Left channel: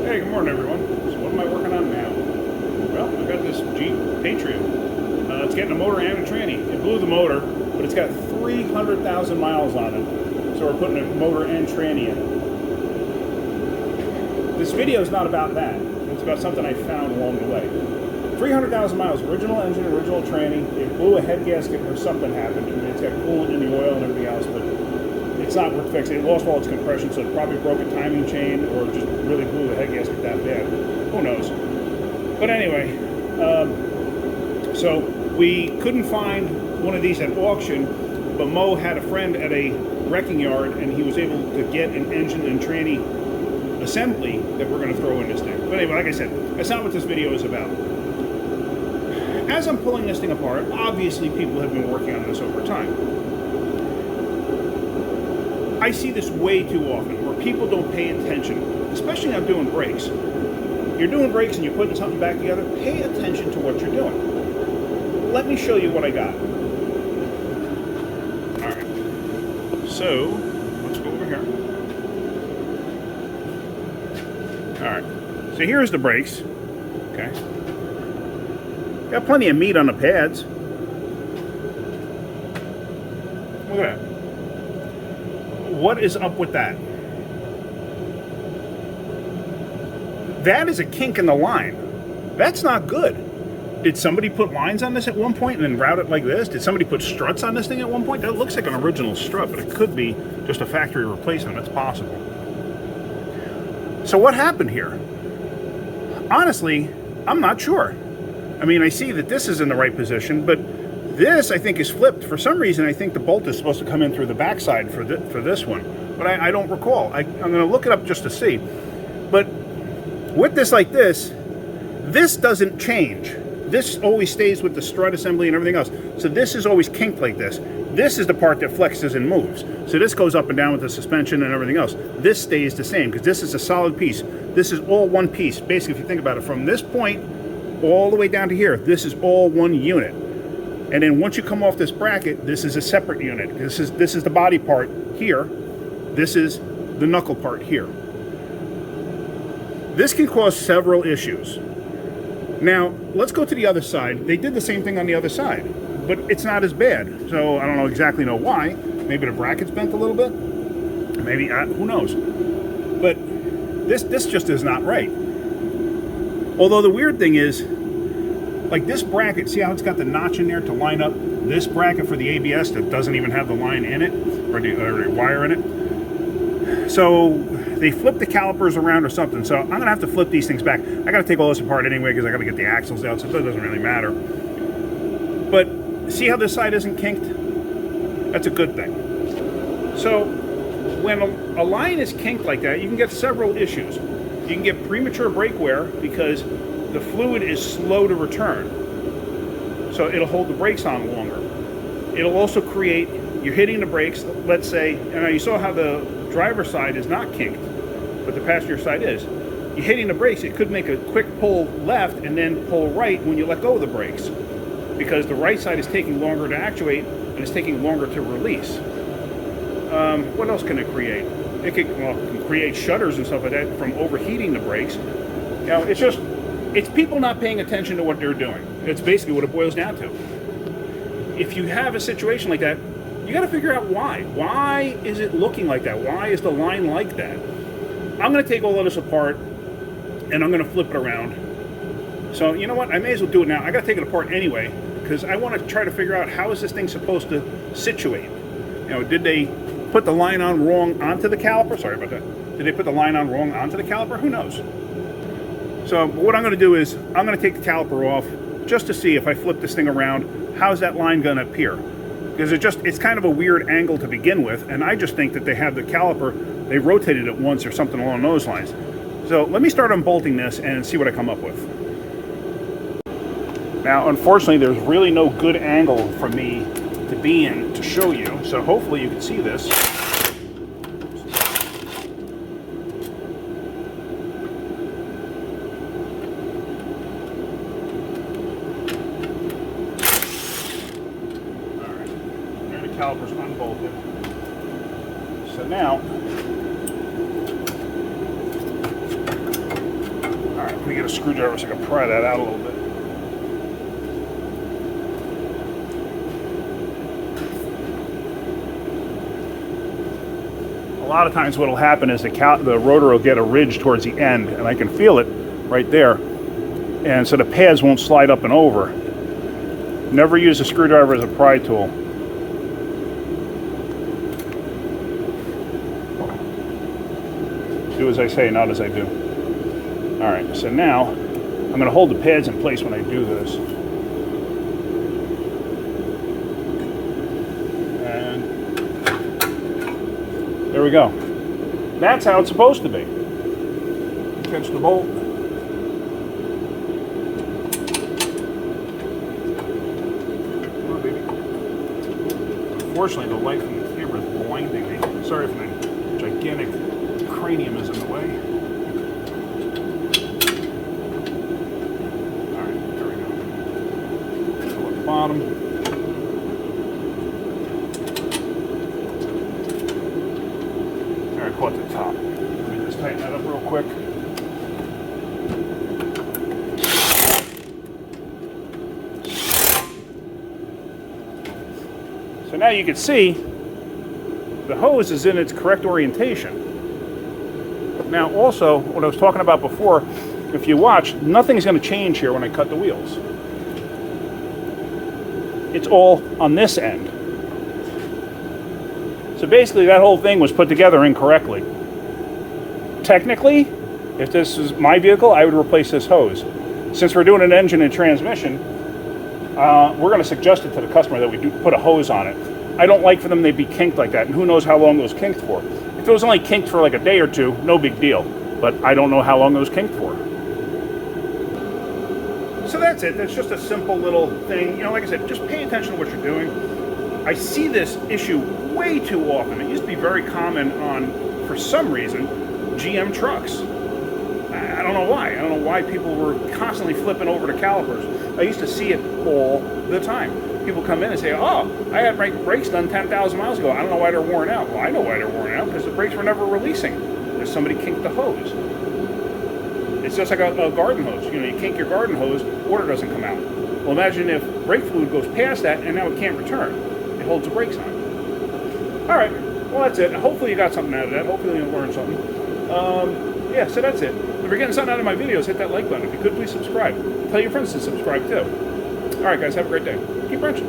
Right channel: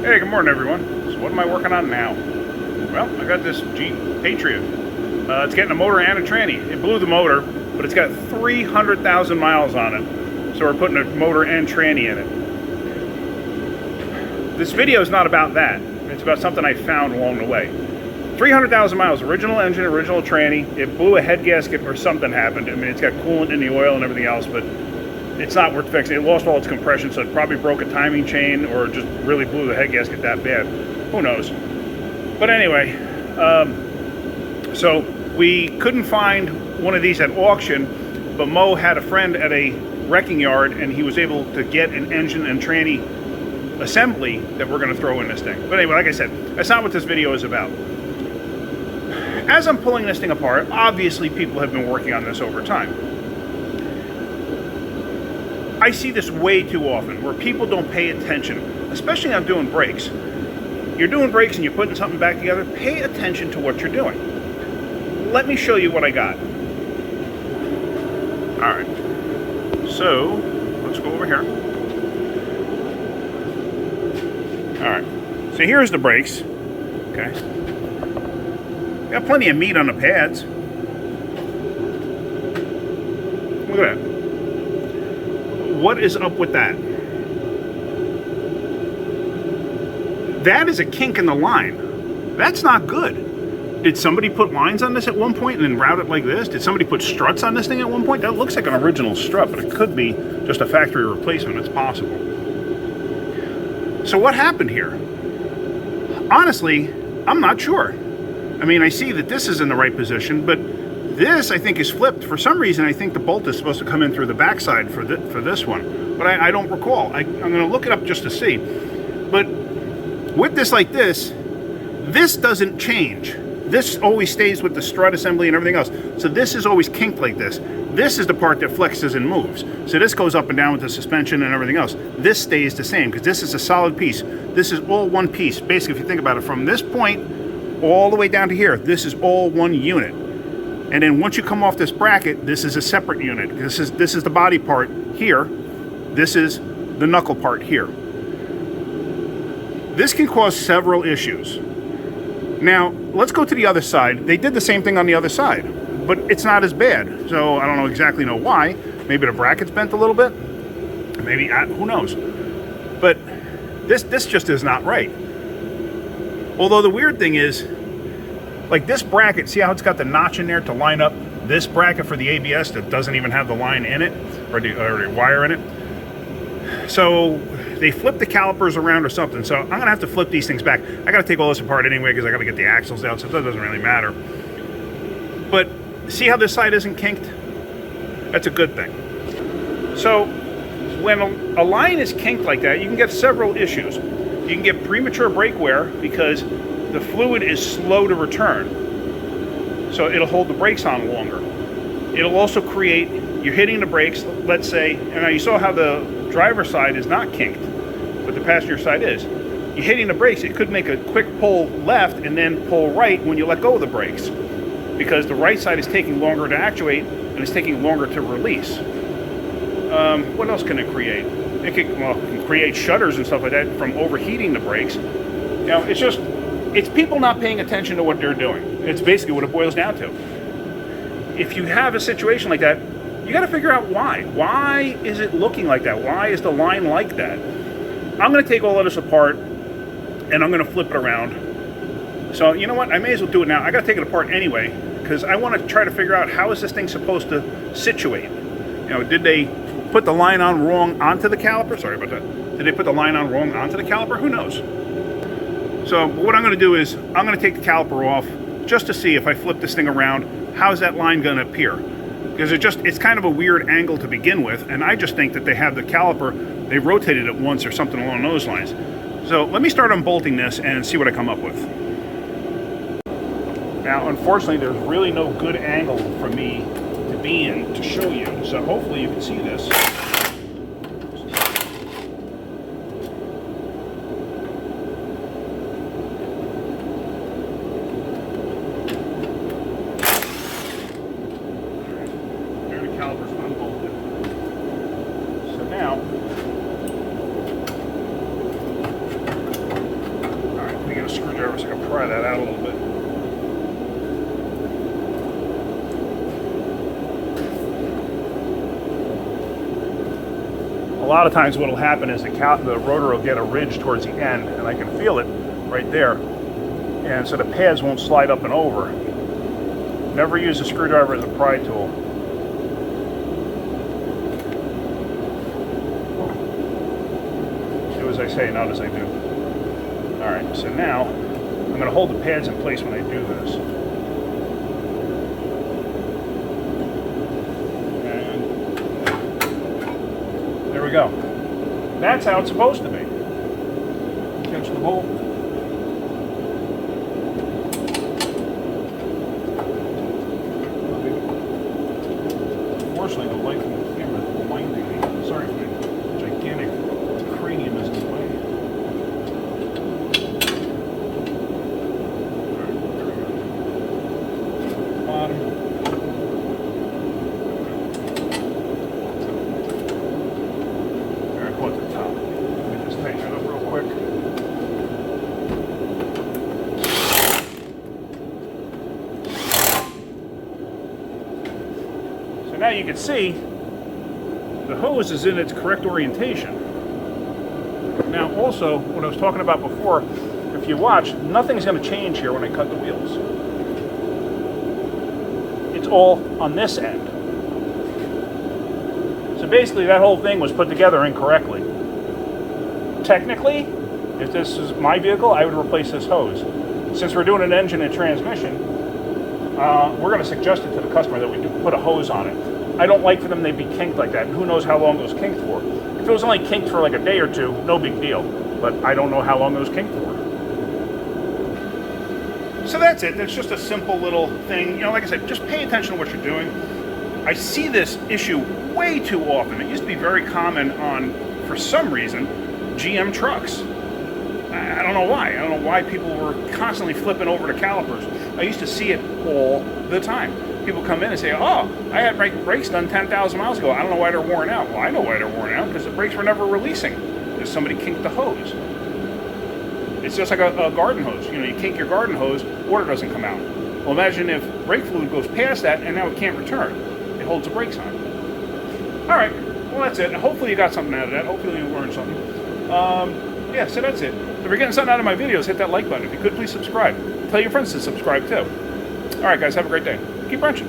Hey, good morning everyone. So what am I working on now? Well, I got this Jeep Patriot. It's getting a motor and a tranny. It blew the motor, but it's got 300,000 miles on it. So we're putting a motor and tranny in it. This video is not about that. It's about something I found along the way. 300,000 miles, original engine, original tranny. It blew a head gasket or something happened. I mean, it's got coolant in the oil and everything else, but it's not worth fixing. It lost all its compression, so it probably broke a timing chain or just really blew the head gasket that bad. Who knows? But anyway, so we couldn't find one of these at auction, but Mo had a friend at a wrecking yard, and he was able to get an engine and tranny assembly that we're going to throw in this thing. But anyway, like I said, that's not what this video is about. As I'm pulling this thing apart, obviously people have been working on this over time. I see this way too often where people don't pay attention, especially on doing brakes. You're doing brakes and you're putting something back together, pay attention to what you're doing. Let me show you what I got. All right, so let's go over here. All right, so here's the brakes, okay? Got plenty of meat on the pads. Look at that. What is up with that? That is a kink in the line. That's not good. Did somebody put lines on this at one point and then route it like this? Did somebody put struts on this thing at one point? That looks like an original strut, but it could be just a factory replacement. It's possible. So what happened here? Honestly, I'm not sure. I mean, I see that this is in the right position, but this, I think, is flipped. For some reason, I think the bolt is supposed to come in through the backside for this one. But I don't recall. I'm going to look it up just to see. But with this like this doesn't change. This always stays with the strut assembly and everything else. So this is always kinked like this. This is the part that flexes and moves. So this goes up and down with the suspension and everything else. This stays the same because this is a solid piece. This is all one piece. Basically, if you think about it, from this point all the way down to here, this is all one unit. And then once you come off this bracket, this is a separate unit. This is the body part here. This is the knuckle part here. This can cause several issues. Now, let's go to the other side. They did the same thing on the other side, but it's not as bad. So I don't exactly know why. Maybe the bracket's bent a little bit. Maybe, who knows? But this just is not right. Although the weird thing is, like this bracket, see how it's got the notch in there to line up this bracket for the ABS that doesn't even have the line in it, or the wire in it. So they flipped the calipers around or something. So I'm gonna have to flip these things back. I gotta take all this apart anyway because I gotta get the axles out, so that doesn't really matter. But see how this side isn't kinked? That's a good thing. So when a line is kinked like that, you can get several issues. You can get premature brake wear because the fluid is slow to return, so it'll hold the brakes on longer. It'll also create, you're hitting the brakes, let's say, and you saw how the driver's side is not kinked, but the passenger side is. You're hitting the brakes, it could make a quick pull left and then pull right when you let go of the brakes, because the right side is taking longer to actuate and it's taking longer to release. What else can it create? It can create shutters and stuff like that from overheating the brakes. You know, it's people not paying attention to what they're doing. It's basically what it boils down to. If you have a situation like that, you got to figure out why. Why is it looking like that? Why is the line like that? I'm going to take all of this apart and I'm going to flip it around. So you know what? I may as well do it now. I got to take it apart anyway because I want to try to figure out how is this thing supposed to situate. You know, did they put the line on wrong onto the caliper? Sorry about that. Did they put the line on wrong onto the caliper? Who knows? So what I'm going to do is I'm going to take the caliper off just to see if I flip this thing around, how's that line going to appear? Because it's kind of a weird angle to begin with, and I just think that they have the caliper, they rotated it once or something along those lines. So let me start unbolting this and see what I come up with. Now, unfortunately, there's really no good angle for me to be in to show you, so hopefully you can see this. Calipers unbolted. So now screwdriver so I can pry that out a little bit. A lot of times what will happen is the rotor will get a ridge towards the end, and I can feel it right there. And so the pads won't slide up and over. Never use a screwdriver as a pry tool. Do as I say, not as I do. All right, so now I'm going to hold the pads in place when I do this. And there we go. That's how it's supposed to be. Catch the bolt. Come on, baby. Unfortunately, the light from the camera is blinding me. Sorry for the gigantic cranium is in the way. Alright, there we go. At the bottom. Alright, go at the top. Let me just tighten it up real quick. So now you can see the hose is in its correct orientation. Now also, what I was talking about before, if you watch, nothing's going to change here when I cut the wheels. It's all on this end. So basically that whole thing was put together incorrectly. Technically, if this is my vehicle, I would replace this hose. Since we're doing an engine and transmission, we're going to suggest it to the customer that we do put a hose on it. I don't like for them to be kinked like that, and who knows how long it was kinked for. If it was only kinked for like a day or two, no big deal. But I don't know how long it was kinked for. So that's it. That's just a simple little thing. You know, like I said, just pay attention to what you're doing. I see this issue way too often. It used to be very common on, for some reason, GM trucks. I don't know why. I don't know why people were constantly flipping over to calipers. I used to see it all the time. People come in and say, oh, I had my brakes done 10,000 miles ago. I don't know why they're worn out. Well, I know why they're worn out, because the brakes were never releasing. Because somebody kinked the hose. It's just like a garden hose. You know, you kink your garden hose, water doesn't come out. Well, imagine if brake fluid goes past that and now it can't return. It holds the brakes on. All right, well, that's it. Hopefully you got something out of that. Hopefully you learned something. Yeah, so that's it. If you're getting something out of my videos, hit that like button. If you could, please subscribe. Tell your friends to subscribe too. All right, guys, have a great day. Keep wrenching.